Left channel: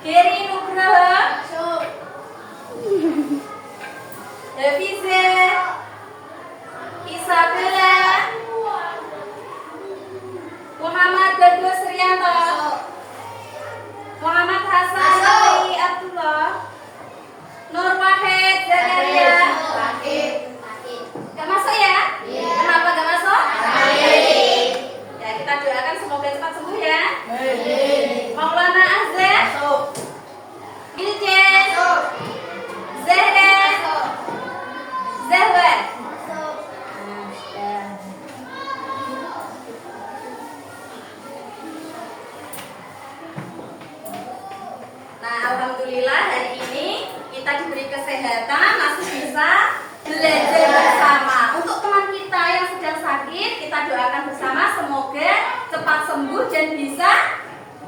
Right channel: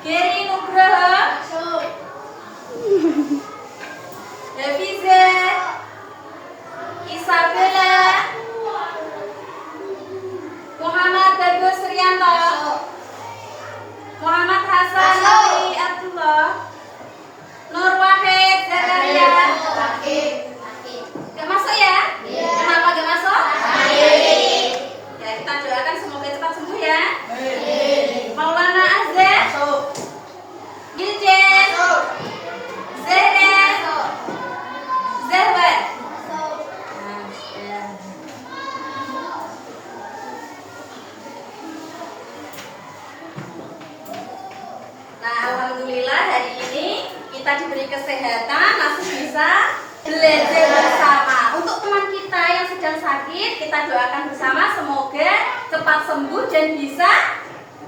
Geri Nugroho, Hafiza, Isabella, Muhammad Bagus Rianto, Muhammad Hasan Ali Abdullah, Nur Wahid Zakaria. Gak masuk ya? Kenapa gak masuk? Ya, kita doakan semoga cepat sembuh ya. Maulana Azhar, Bilden, Zahra, Zahra. Nah, alhamdulillah hari ini kita diberi kesehatan, masih bisa belajar bersama. Untuk teman kita yang sedang sakit, kita doakan bersama semoga cepat sembuh dan bisa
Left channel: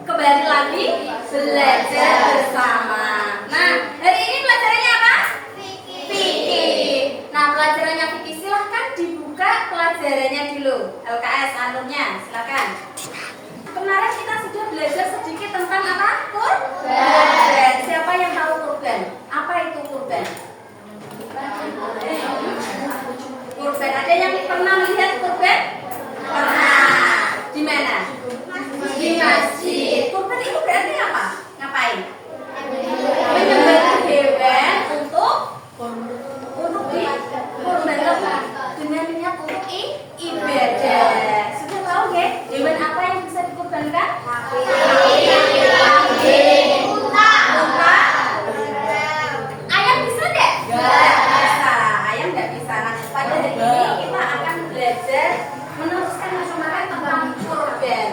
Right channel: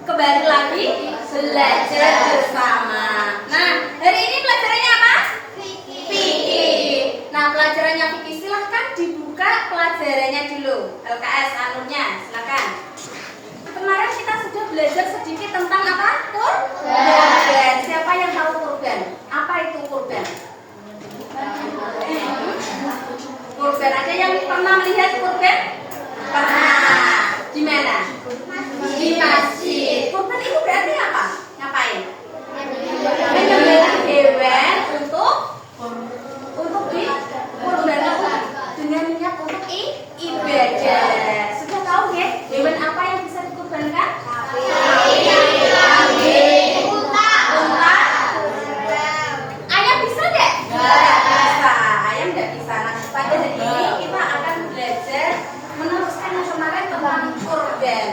kembali lagi belajar bersama. Nah, hari ini pelajarannya apa? Fikih. Nah, pelajarannya fikih silahkan dibuka pelajarannya dulu. LKS alurnya, silakan. Kemarin kita sudah belajar sedikit tentang apa? Kurban. Siapa yang tahu kurban? Apa itu kurban? Kurban. Ada yang pernah melihat kurban? Pernah. Di mana? Di masjid. Kurban itu berarti apa? Ngapain? Menyembelih hewan untuk dikurbankan dengan niat untuk ibadah. Sudah tahu ya hewan apa yang bisa dikurbankan? Unta. Ayam bisa deh? Nggak bisa. Ayam nggak bisa. Nah, pada hari ini kita akan belajar meneruskan materi tentang kurban.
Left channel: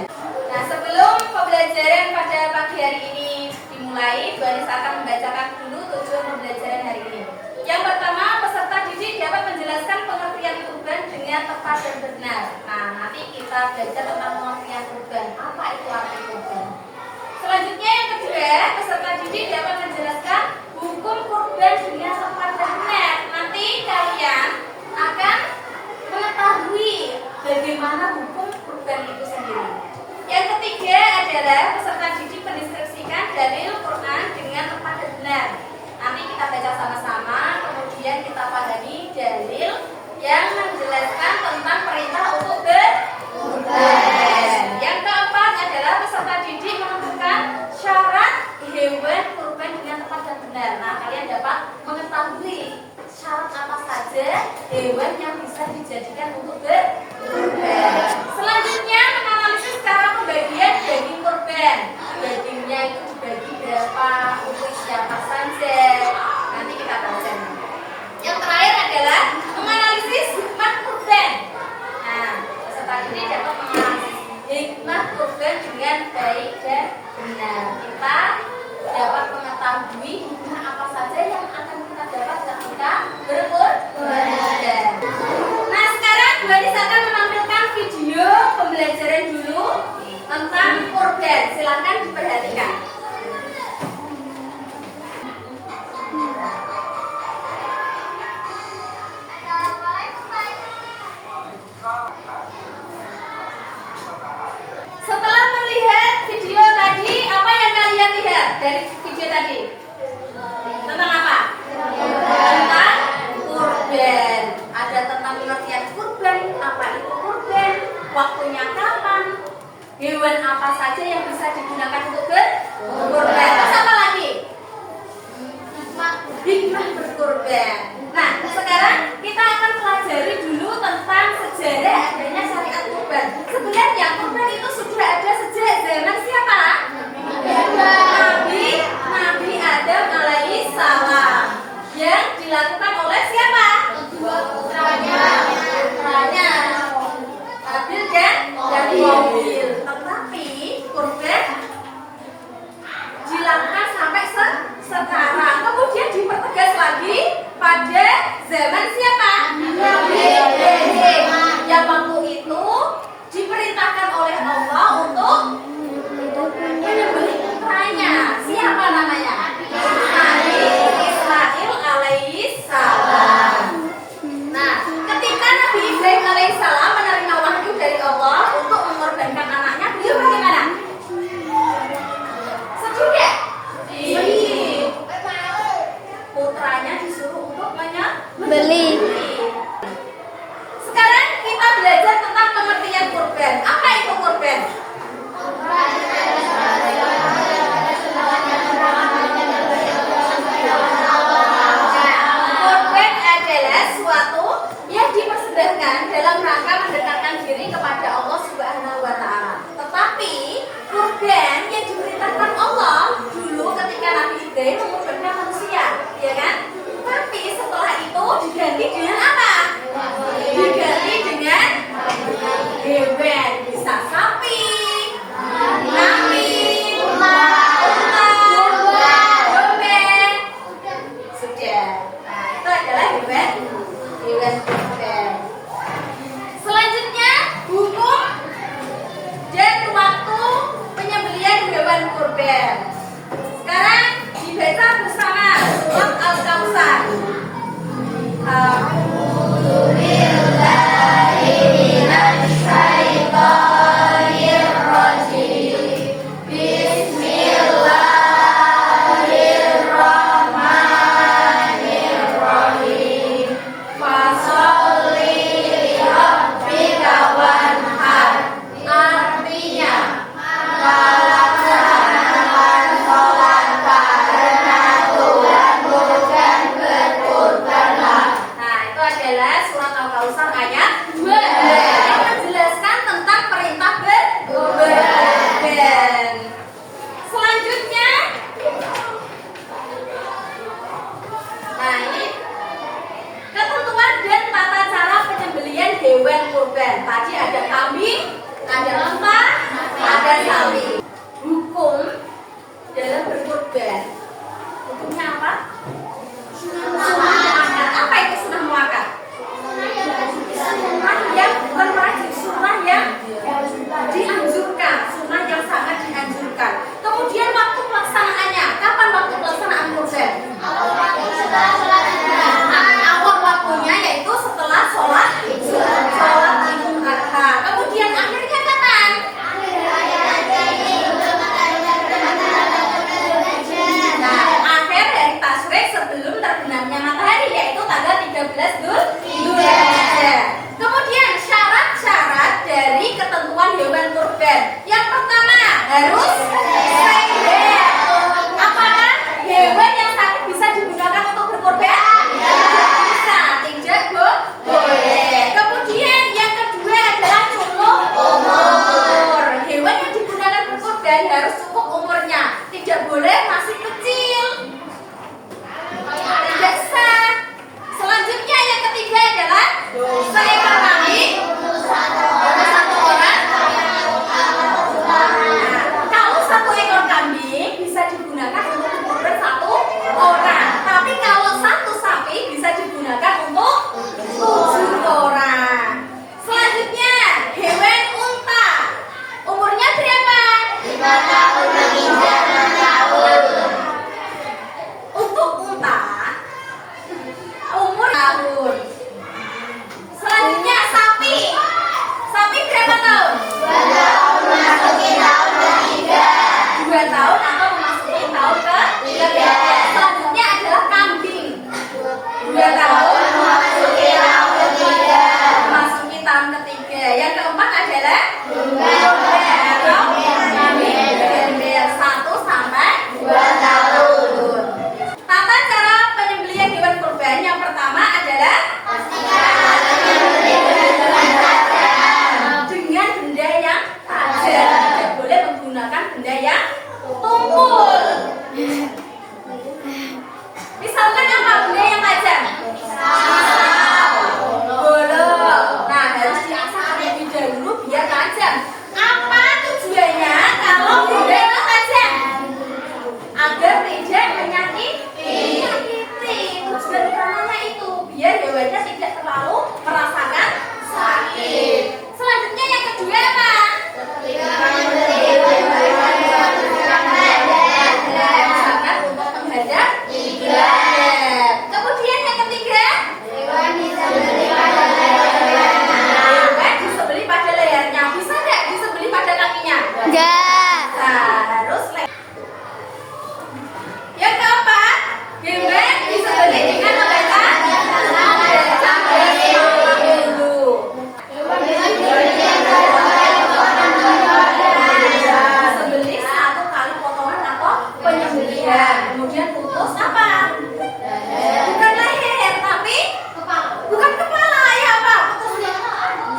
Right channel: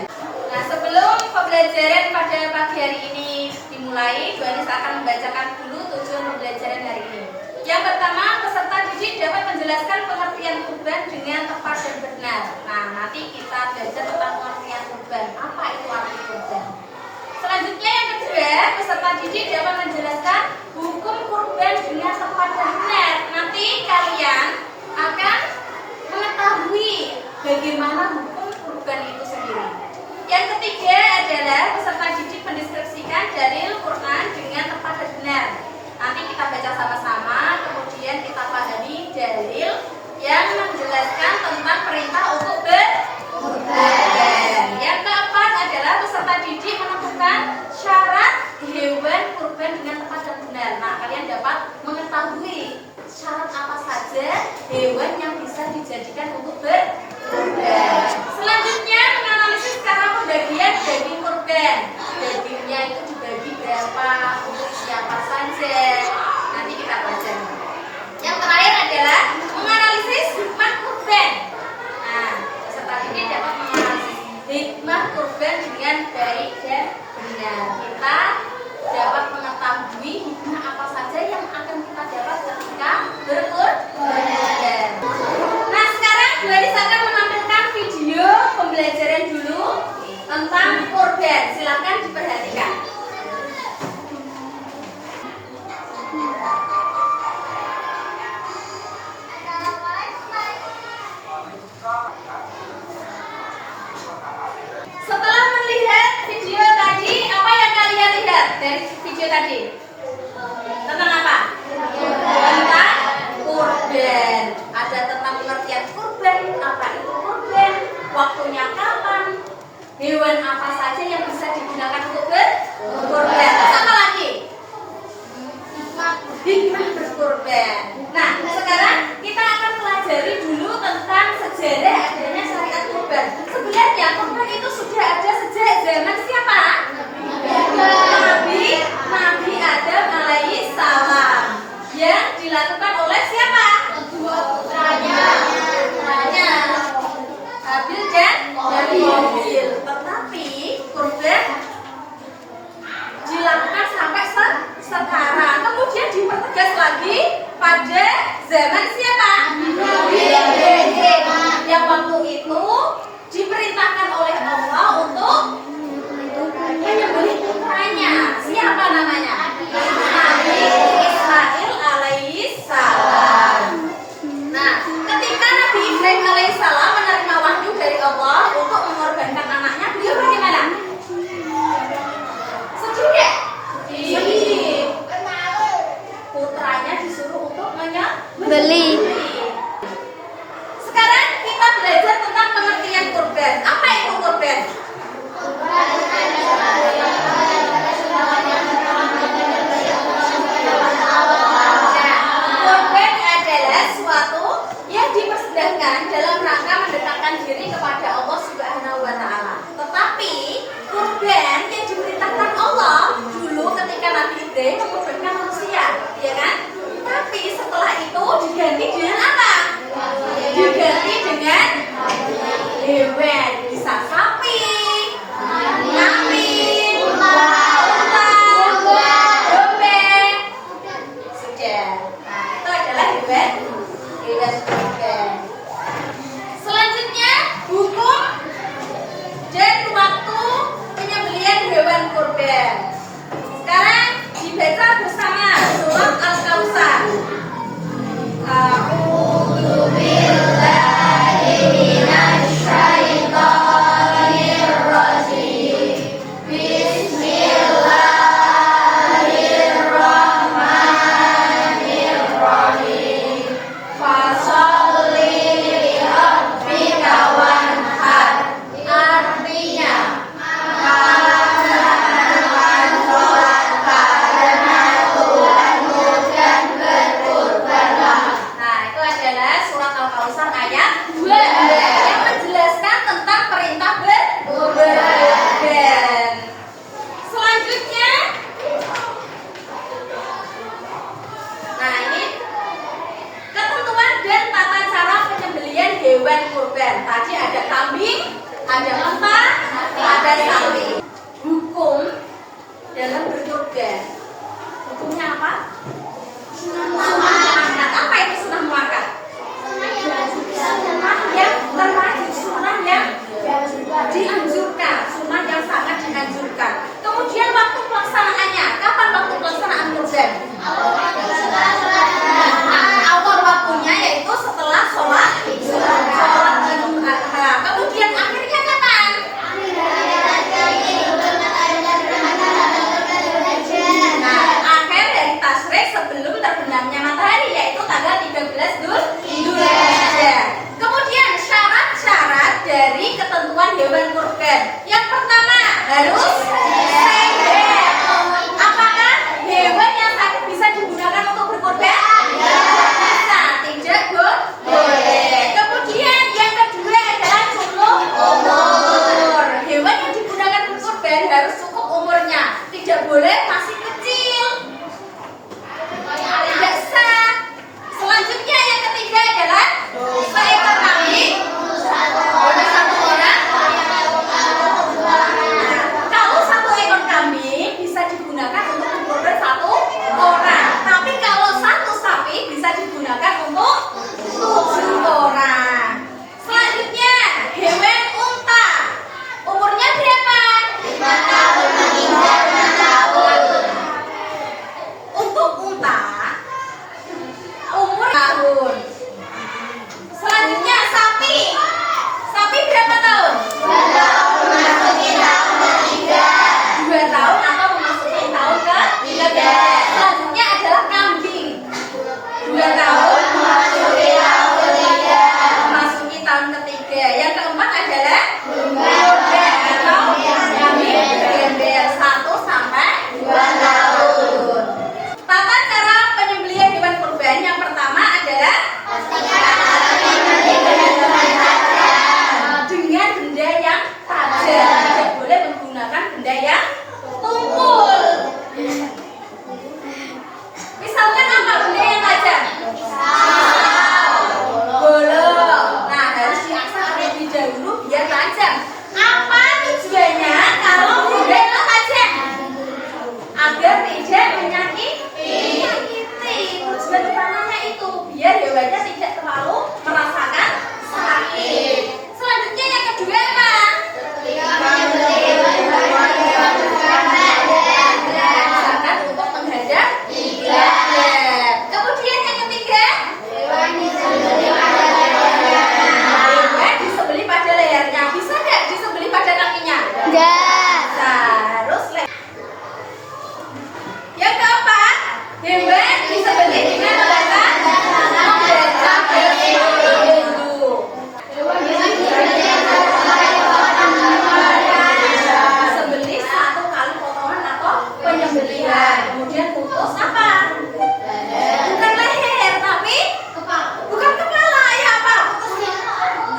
Nah, sebelum pembelajaran pada pagi hari ini dimulai, Bu Anis akan membacakan dulu tujuan pembelajaran hari ini. Yang pertama, peserta didik dapat menjelaskan pengertian kurban dengan tepat dan benar. Nah, nanti kita belajar tentang pengertian kurban. Apa itu arti kurban? Selanjutnya yang kedua, peserta didik dapat menjelaskan hukum kurban dengan tepat dan benar. Nanti kalian akan mengetahui bagaimana hukum kurban itu sendiri. Yang ketiga adalah peserta didik mendeskripsikan dalil Quran dengan tepat dan benar. Nanti kita baca sama-sama, kemudian kita pahami dalil yang menjelaskan tentang perintah untuk berkurban. Yang keempat adalah peserta didik menentukan syarat hewan kurban dengan tepat dan benar. Nah, kalian dapat mengetahui syarat apa saja hewan yang bisa dijadikan untuk berkurban. Selanjutnya menganalisis cara pembagian daging kurban. Dagingnya itu dibagi berapa, untuk siapa saja. Nanti kita baca. Yang terakhir adalah menganalisis hikmah kurban. Nah, peserta didik dapat menganalisis hikmah kurban dengan baik dan benar. Kita dapat mengetahui hikmah apa saja yang akan kita dapat ketika berkurban. Nah, sekarang Bu Anis akan menampilkan video pembelajaran dulu tentang kurban. Silakan diperhatikan. Setelah melihat video tadi, apa yang kalian lihat dari video tadi? Tentang apa? Tentang kurban. Ada tentang pengertian kurban, apa itu kurban, waktunya kapan, hewan apa saja yang bisa digunakan untuk berkurban. Sama lagi? Hikmah berkurban. Nah, sekarang kita akan pelajari dulu tentang sejarah adanya syariat kurban. Sebenarnya kurban itu sudah ada sejak zaman siapa? Nabi Adam alaihi salam. Yang dilakukan oleh siapa? Kedua putranya. Habil dan Qabil. Tetapi kurban dilakukan sampai sekarang. Kemudian dipertegas lagi pada harus sehat. Apakah hewan yang sakit bisa digunakan untuk berkorban? Bisa, tidak boleh. Kemudian yang kedua adalah cukup umur. Hewan yang digunakan berkorban harus cukup umurnya, tidak boleh masih kecil. Tidak sah. Selanjutnya yang ketiga adalah seekor kambing untuk satu orang. Kalau satu ekor kambing bisa digunakan untuk berkorban satu orang, tapi kalau satu sapi bisa digunakan untuk 7 orang. Selanjutnya hewan unta. Umurnya berapa? 5 tahun hingga 6 tahun. Untuk unta umur tahun. Selanjutnya sapi. Sapi berapa tahun? 2 tahun memasuki tahun ketiga. 2 tahun atau memasuki tahun ketiga. Selanjutnya adalah kambing. 2 tahun memasuki tahun ketiga. Memasuki tahun ketiga. Yang keempat adalah domba atau kambing gembel 1 sampai 2 tahun. Tata cara penyembelihan hewan kurban yang pertama adalah dengan benda yang tajam. Tidak boleh menggunakan benda yang tumpul. Misalkan apa benda yang tajam? Golok. Nah, harus diasah terlebih dahulu biar tajam. Apa tujuannya kalau benda itu tajam? Agar tidak menyakiti. Tujuan utamanya itu biar hewannya tidak terlalu merasakan sakit. Selanjutnya yang kedua apa? Misalkan untuk menghadap kiblat. Kemudian yang ketiga, hewan disembelih pada lehernya. Bisa nggak disembelih pada kakinya? Harus leher. Yang keempat, hewan disembelih dengan menggunakan disembelih 1 kali potongan atau penyembelihan. Kemudian putus apa? Bukan leher, tapi bukan kepala. Ya apa? Putus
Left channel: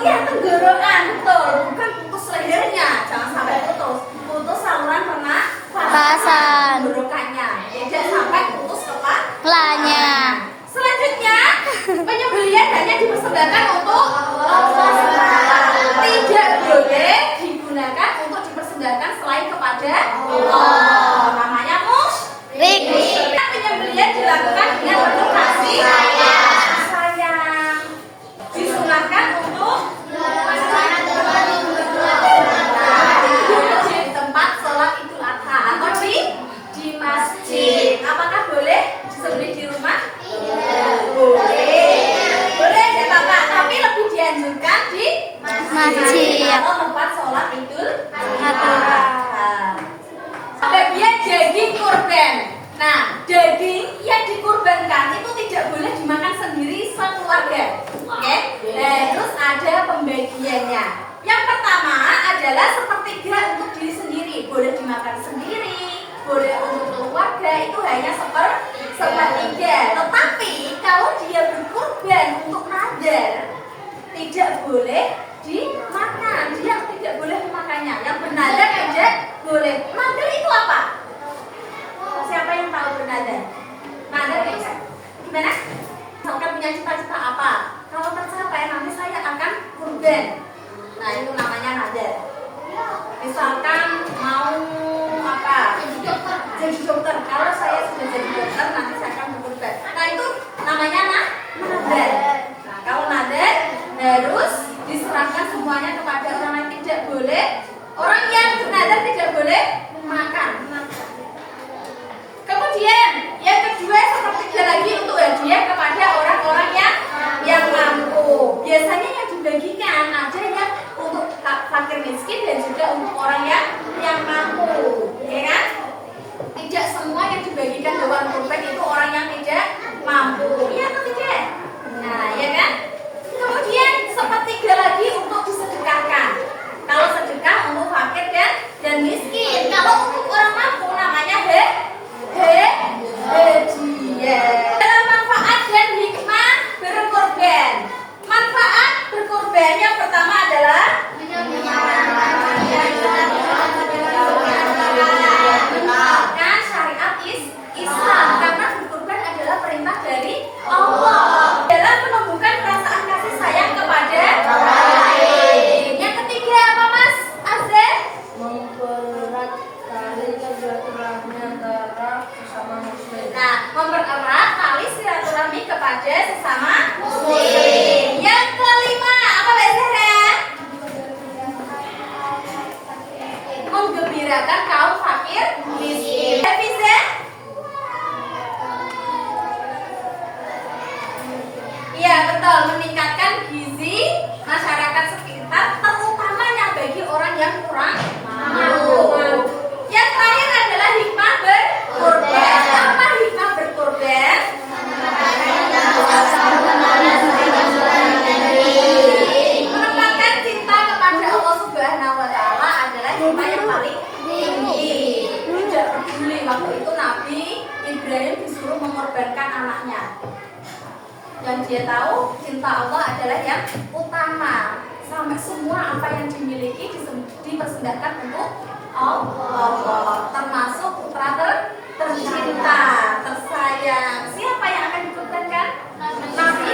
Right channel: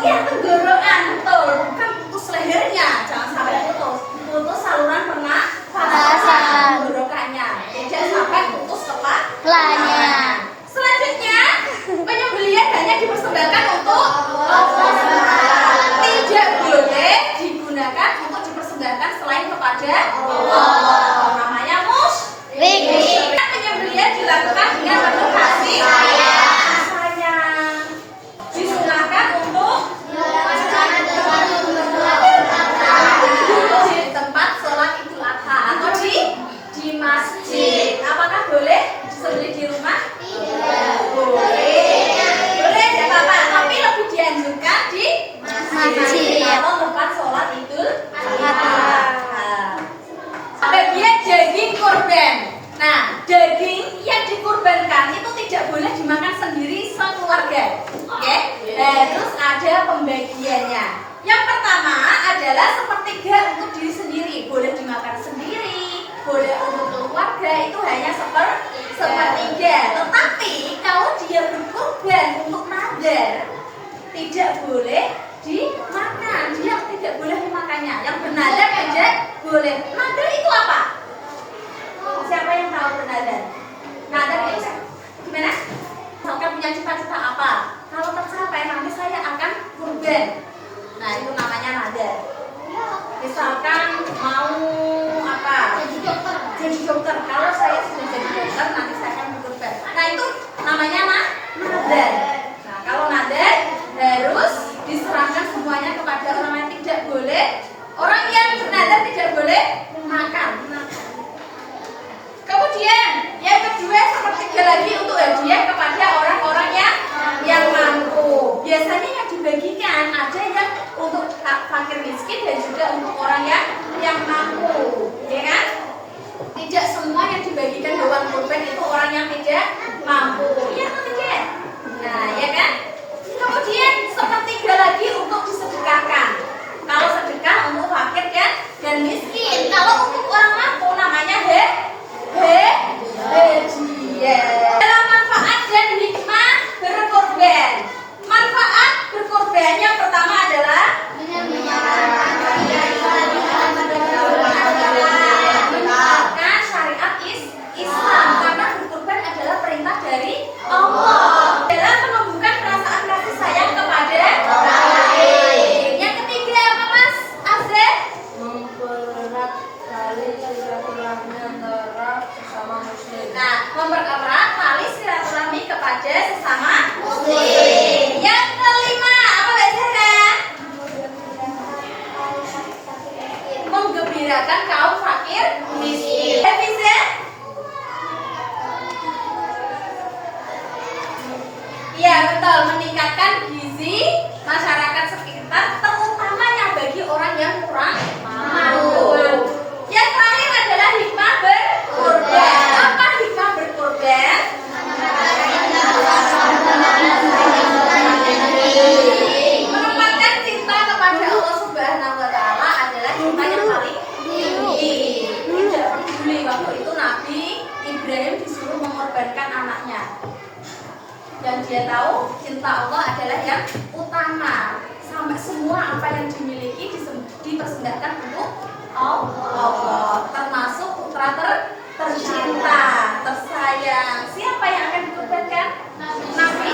ya tenggorokan, betul. Bukan putus lehernya, jangan sampai putus. Putus saluran pernafasan tenggorokannya. Tidak sampai putus kepalanya. Selanjutnya, penyembelihan hanya dipersembahkan untuk Allah. Tidak boleh digunakan untuk dipersembahkan selain kepada Allah. Namanya musyrik. Penyembelihan dilakukan dengan penuh kasih sayang. Disunahkan untuk di tempat sholat Idul Adha atau di masjid. Apakah boleh disembelih di rumah? Boleh. Boleh ya Bapak, tapi lebih dianjurkan di masjid atau tempat sholat Idul Adha. Bagian daging kurban. Nah, daging yang dikurbankan itu tidak boleh dimakan sendiri sekeluarga. Oke? Terus ada pembagiannya. Yang pertama adalah sepertiga untuk diri sendiri, boleh dimakan sendiri, boleh untuk keluarga, itu hanya sepertiga. Tetapi kalau dia berkurban untuk nadar, tidak boleh dimakan. Dia tidak boleh dimakannya. Yang bernadar tidak boleh. Nadar itu apa? Siapa yang tahu bernadar? Nadar itu gimana? Misalkan punya cita-cita apa? Kalau tercapai nanti saya akan kurban. Nah, itu namanya nadar. Misalkan mau apa? Jadi dokter. Kalau saya sudah jadi dokter nanti saya akan berkurban. Nah, itu namanya nadar. Nah, kalau nadar harus diserahkan semuanya kepada orang yang tidak boleh. Orang yang bernadar tidak boleh makan. Kemudian yang kedua sepertiga lagi untuk hadiah kepada orang-orang yang mampu. Biasanya yang dibagikan ada yang untuk fakir miskin dan juga untuk orang yang mampu, ya kan? Tidak semua yang dibagikan hewan kurban itu orang yang tidak mampu, iya atau tidak? Nah, menggembirakan kaum fakir miskin. Bisa? Iya betul, meningkatkan gizi masyarakat sekitar, terutamanya bagi orang yang kurang mampu. Yang terakhir adalah hikmah berkurban. Apa hikmah berkurban? Menempatkan cinta kepada Allah Subhanahu wa Ta'ala adalah cinta yang paling tinggi. Tidak peduli waktu itu Nabi Ibrahim disuruh mengorbankan anaknya. Dan dia tahu cinta Allah adalah yang utama. Sampai semua apa yang dimiliki dipersembahkan untuk Allah, termasuk putra tercinta, tersayang. Siapa yang akan dikorbankan? Nabi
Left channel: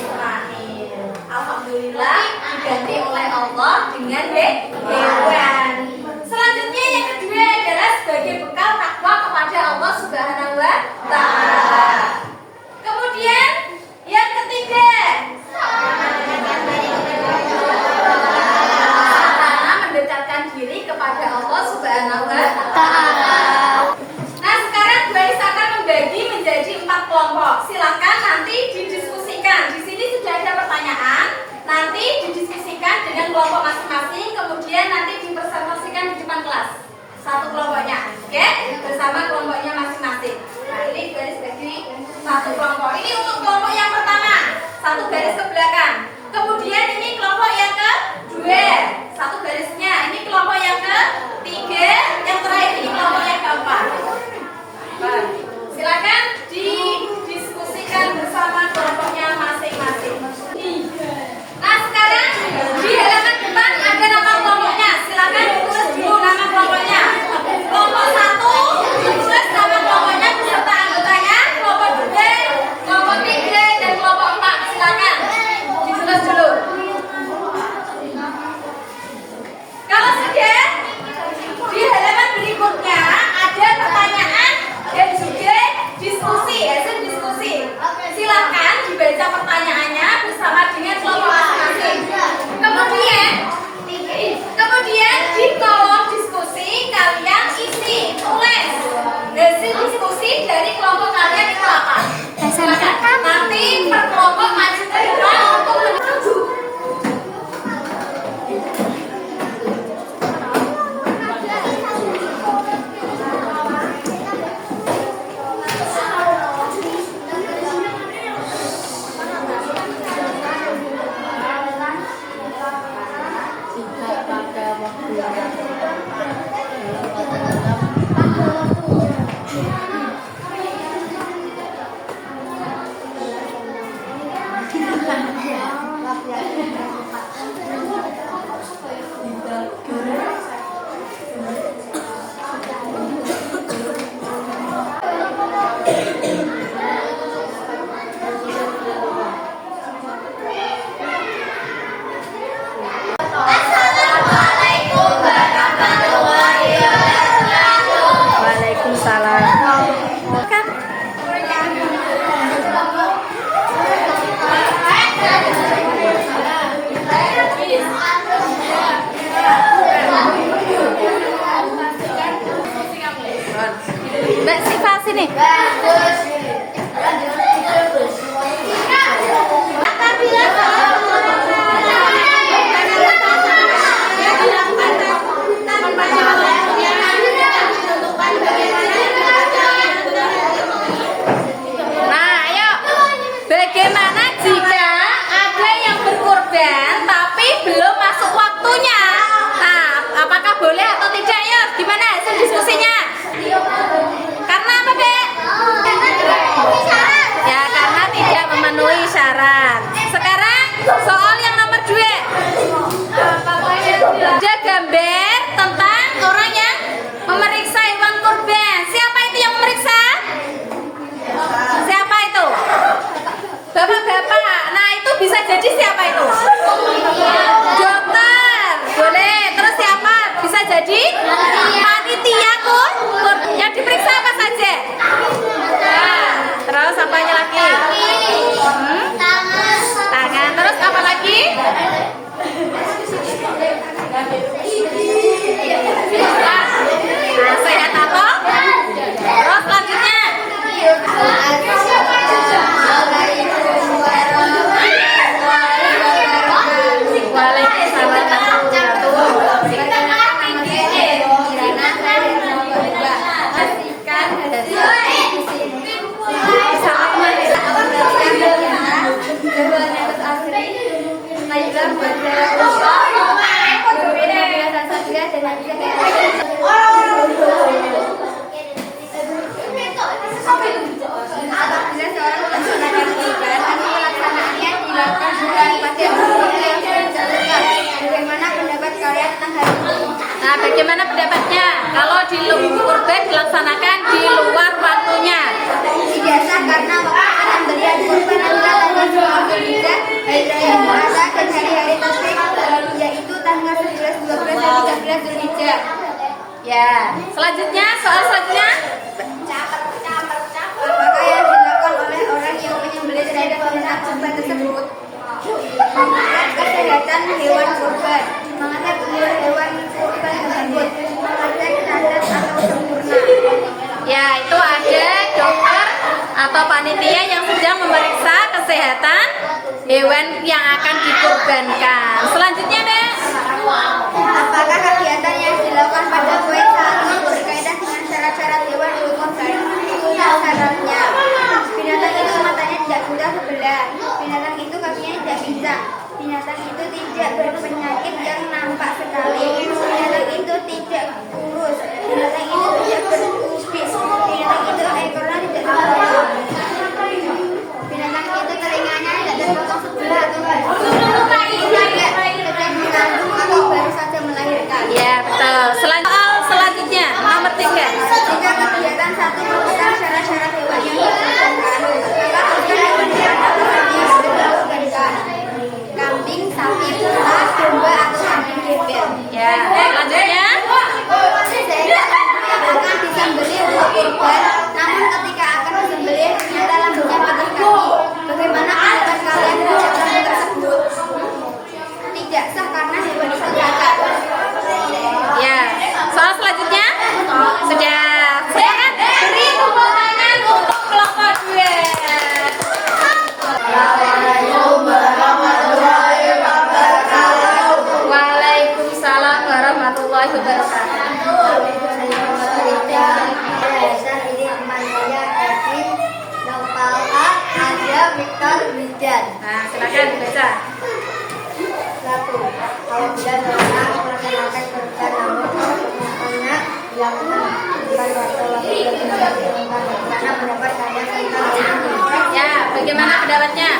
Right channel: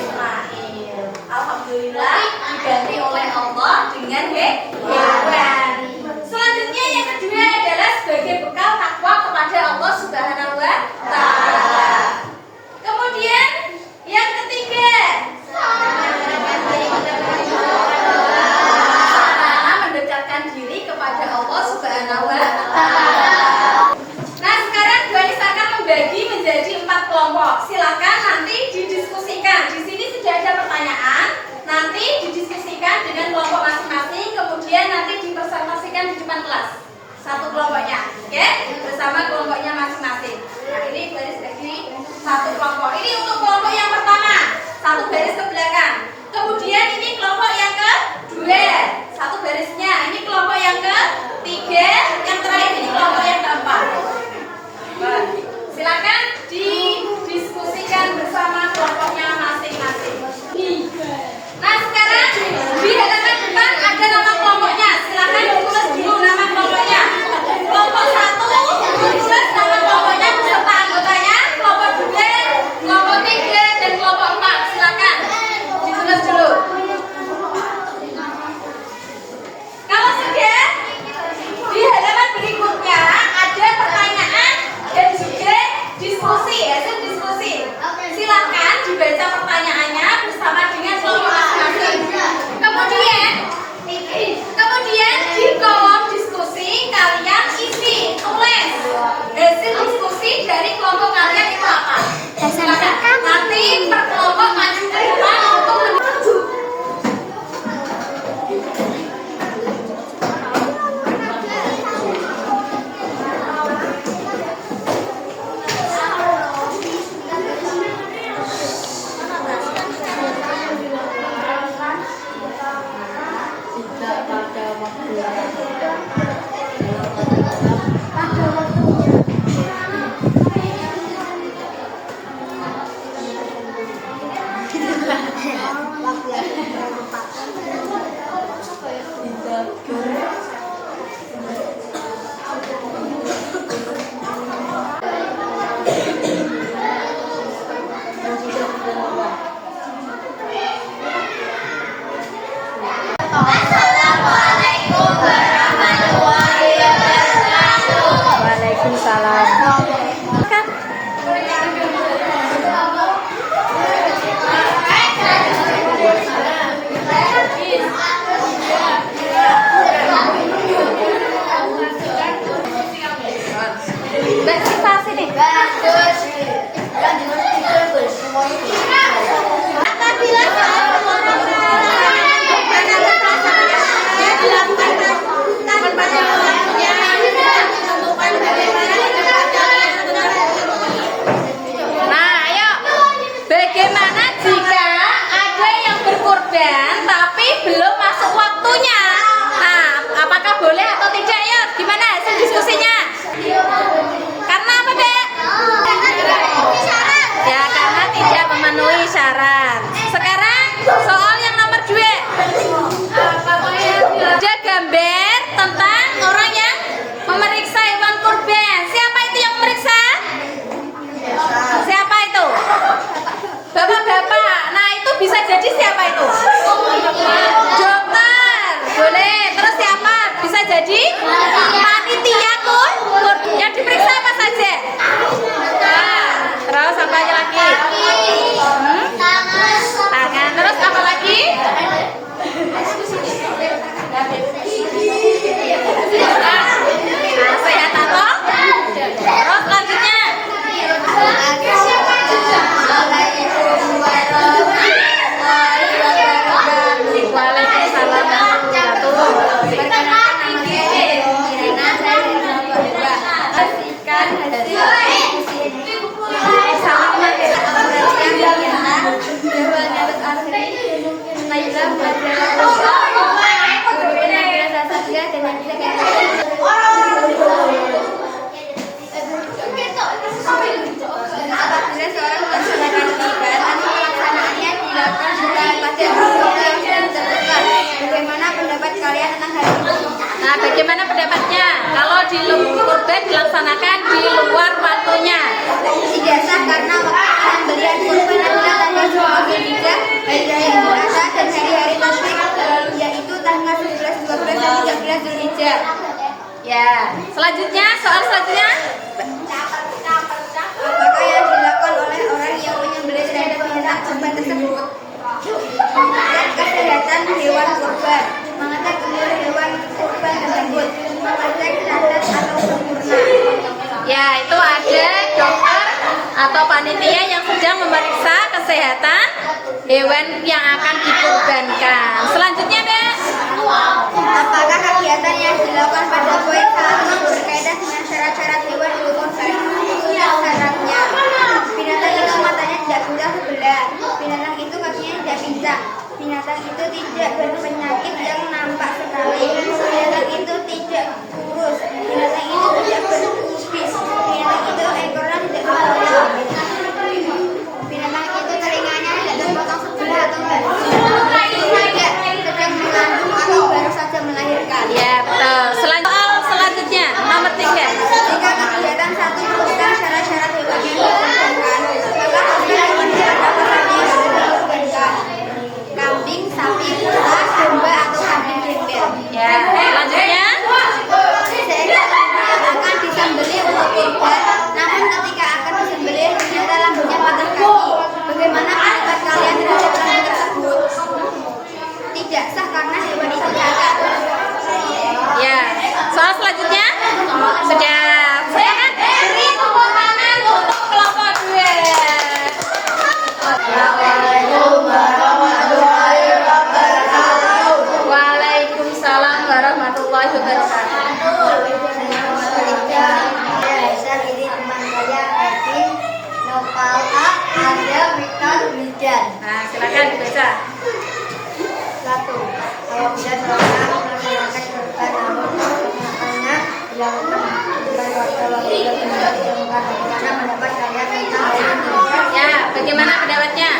Ismail. Alhamdulillah diganti oleh Allah dengan hewan. Selanjutnya yang kedua adalah sebagai bekal takwa kepada Allah Subhanahu wa Ta'ala. Kemudian yang ketiga, mendekatkan diri kepada Allah Subhanahu wa Ta'ala. Nah, sekarang Tuhanis akan membagi menjadi 4 kelompok. Silakan nanti didiskusikan. Di sini sudah ada pertanyaan. Nanti didiskusikan dengan kelompok masing-masing. Kemudian nanti dipresentasikan di depan kelas. Satu kelompoknya, oke? Bersama kelompoknya masing-masing. Nah, ini Tuhanis bagi satu kelompok. Ini untuk kelompok yang pertama, satu garis ke belakang. Kemudian ini kelompok yang kedua, satu garisnya. Ini kelompok yang ketiga, yang terakhir ini kelompok yang keempat. Silakan didiskusikan bersama kelompoknya masing-masing. Nah, sekarang di halaman depan ada nama kelompoknya. Silakan ditulis dulu nama kelompoknya. Kelompok 1 ditulis nama kelompoknya beserta anggotanya. Kelompok 2, kelompok 3, dan kelompok 4. Silakan ditulis dulu. Kalau sudah, di halaman berikutnya ada pertanyaan dan juga diskusi, hasil diskusi. Silakan dibaca pertanyaannya bersama dengan kelompok masing-masing. Kemudian di kolom diskusi kalian isi, tulis hasil diskusi dari kelompok kalian itu apa. Nanti per kelompok maju ke depan untuk menuju. Assalamualaikum warahmatullahi wabarakatuh. Waalaikumsalam. Kan? Mbak Siva sini. Bagus. Nah, ayo. Bagaimana jika ada yang berkorban tapi belum masuk waktunya? Nah, apakah boleh atau tidak? Ya, gimana hasil diskusinya? Karena apa, Dek? Ya, karena tidak memenuhi syarat. Sekarang soal yang nomor 2. Ada gambar tentang orang yang memeriksa hewan kurban. Siapa itu yang memeriksa? Siapa itu? Bapak-bapak. Nah, itu bisa jadi siapa itu? Dokter. Boleh. Terus siapa? Bisa jadi panitia yang diperiksa apa saja? Terus apanya lagi? Tangan. Terus apa lagi? Nah, sehat atau? Terus selanjutnya. Assalamualaikum warahmatullahi wabarakatuh. Waalaikumsalam warahmatullahi wabarakatuh. Perkenalkan nama saya Kirana, saya dari kelompok 2. Pastikan hasil diskusi bersama teman kita Abralia Diana, Jawanatus Asri, Naila Madara Rosa, Guru Nabila Sasatria, dan Nadia apabila seorang melaksanakan ibadah, namun pelaksanaannya dilakukan bukan pada waktu yang sudah ditentukan. Bagaimana pendapat kalian tentang hal ini? Nah, bagaimana pendapatnya kalau di kurban dilaksanakan di luar waktunya? Tidak sah karena waktu penyembelihan kurban adalah tanggal 10 Zulhijjah, hari raya Idul Adha, dan hari-hari tasyrik, yaitu tanggal 11, 12, dan 13 Zulhijjah. Ya, selanjutnya soal selanjutnya. Apakah yang dilakukan oleh orang yang menyembelih terhadap binatang kurban tersebut? Mengecek kesehatan hewan kurban, mengecek umur hewan kurban tersebut, mengecek cacat atau sempurna. Ya, itu ada dokter atau panitia yang sedang memeriksa kesehatan hewan yang akan dikurbankan. Selanjutnya, Mbak. Apakah kegiatan yang dilakukan pada poin saat ini berkaitan dengan syarat-syarat hewan untuk kurban? Syaratnya, binatang itu matanya tidak buta sebelah, binatang itu kakinya tidak pincang, binatang itu tidak berpenyakit yang nampak sekali, binatang itu tidak kurus, binatang itu tidak berkubis, binatang itu ekornya tidak terpotong, binatang itu telinganya tidak terpotong sebelah atau tidak sedang mengandung atau baru saja melahirkan. Ya, betul. Selanjutnya, nomor 3. Jika kegiatan satu merupakan syarat-syarat hewan yang dikurbankan, maka kurban hewan-hewan apa saja yang harus dikurbankan? Kambing, sapi, unta, domba, atau kambing gembel. Ya, selanjutnya. Seekor lembu yang akan disembelih untuk kurban, namun ketika akan disembelih ternyata lembunya patah kaki. Bagaimana pendapat kalian terhadap lembu tersebut? Tidak sah karena hewan itu cacat. Ya, soal selanjutnya sudah. Silakan beri tepuk tangan untuk kelompok 2. Assalamualaikum warahmatullahi wabarakatuh. Waalaikumsalam warahmatullahi wabarakatuh. Nah, silakan dibaca. Satu, apabila seorang melaksanakan kurban namun perbuatannya dilakukan bukan waktu yang ditentukan. Bagaimana pendapat kalian tentang hal ini? Ya, bagaimana pendapatnya?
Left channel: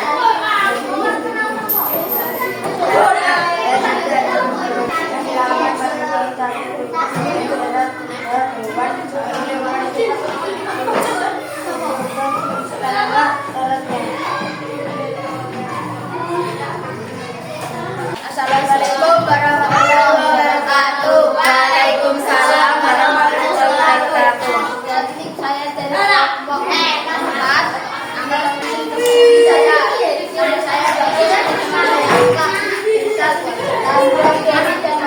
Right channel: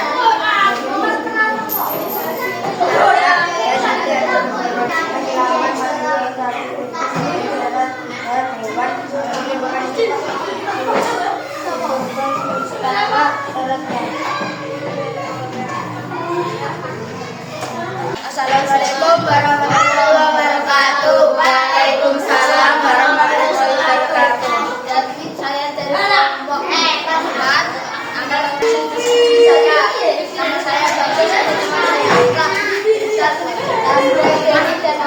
Assalamualaikum warahmatullahi wabarakatuh. Waalaikumsalam warahmatullahi wabarakatuh. Saya dari kelompok 4. Nama saya Bagus. Tahun 2000 dan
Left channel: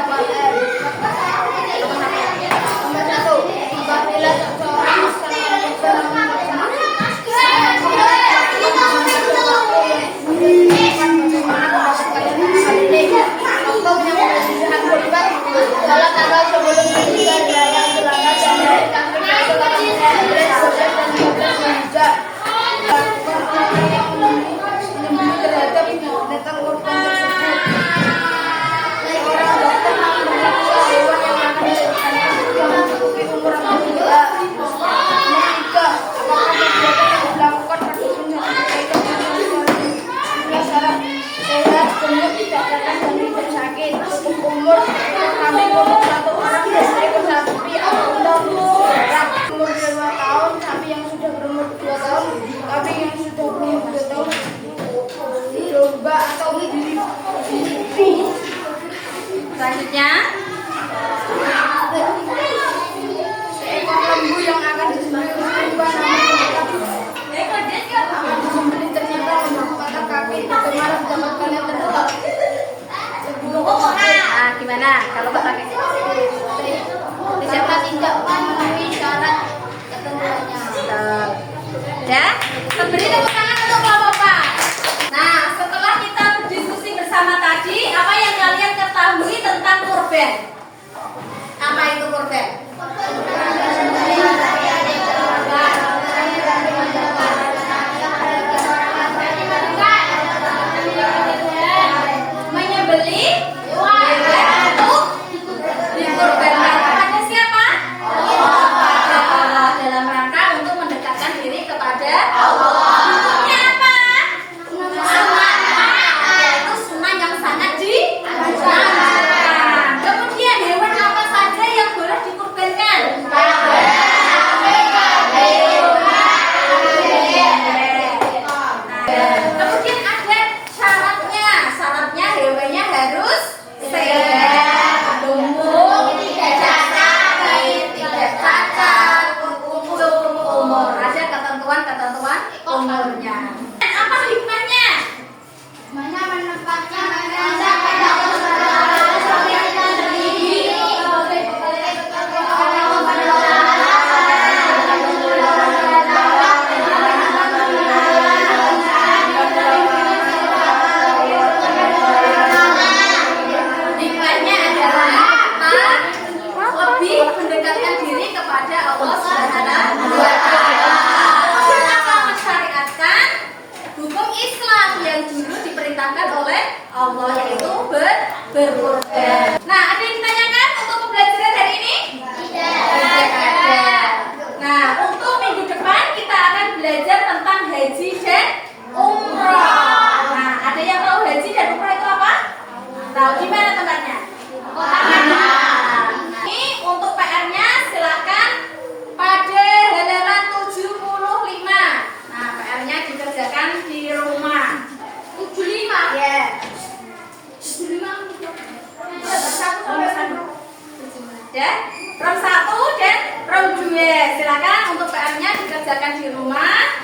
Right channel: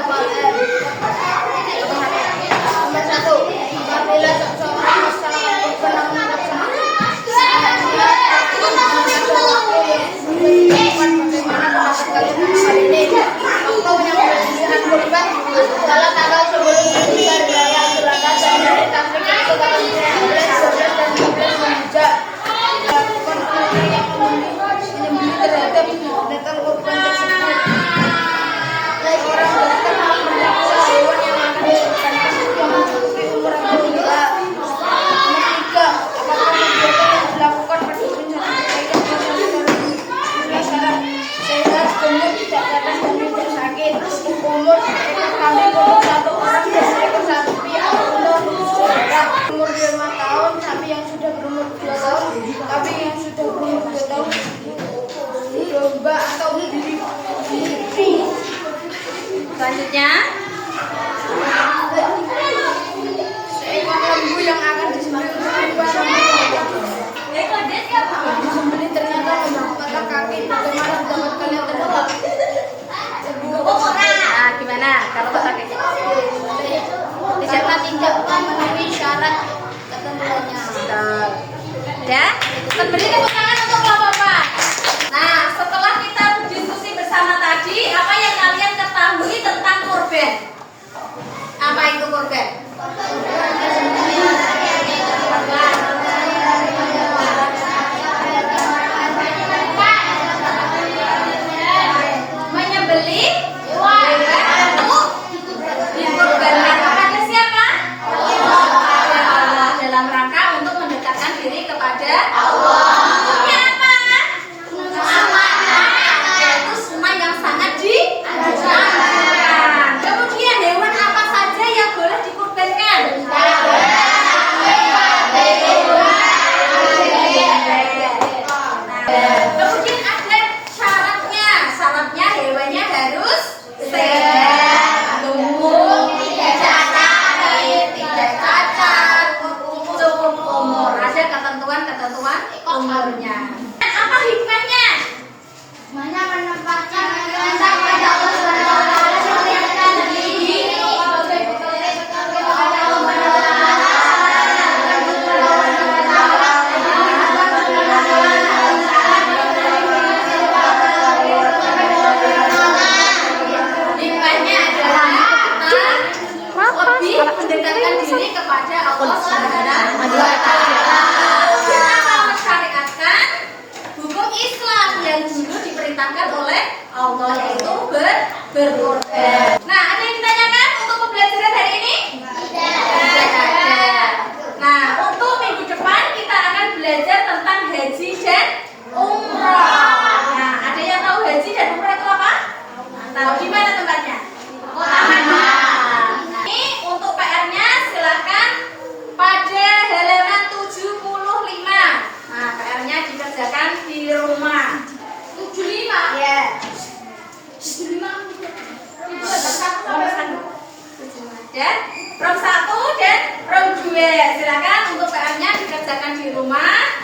tidak memenuhi syarat ketentuannya. Ya, beri tepuk tangan untuk Bapak-bapak. Nah, setelah kita berdiskusi bersama tadi, apa yang kalian ketahui tentang kurban? Apa itu kurban? Menyembelih hewan untuk dikurbankan kepada siapa? Kepada Allah, dalam rangka untuk mendekatkan diri kepada Allah. Hukumnya apa? Yaitu sunnah yang sangat dianjurkan. Kemudian hewan apa saja yang boleh dikurbankan? Kemudian ada syaratnya. Syaratnya hewannya harus sehat, gemuk, tidak sakit, tidak cacat, cukup umur. Ada ketentuan-ketentuan umurnya. Dan apa hikmahnya? Hikmahnya menempatkan pada Allah Subhanahu wa taala Hikmahnya adalah kita lebih mendekatkan diri kepada Allah Subhanahu wa taala. Kita akan mensyariatkan hukum Islam yang dulu diperintahkan oleh Allah, yaitu berkurban. Nah, ada yang ditanyakan untuk pembelajaran hari ini? Tidak ada. Nah, untuk minggu depan kita akan belajar tentang haji dan umrah. Nah, ada yang tahu haji dan umrah itu apa? Tahu di mana tempatnya? Nah, ini untuk PR-nya silakan pada halaman 75. Nah, PR-nya dikerjakan di rumah. 75. Ya. 75. Ya, rom 1 dan rom 2. Silakan untuk PR-nya dikerjakan di rumah.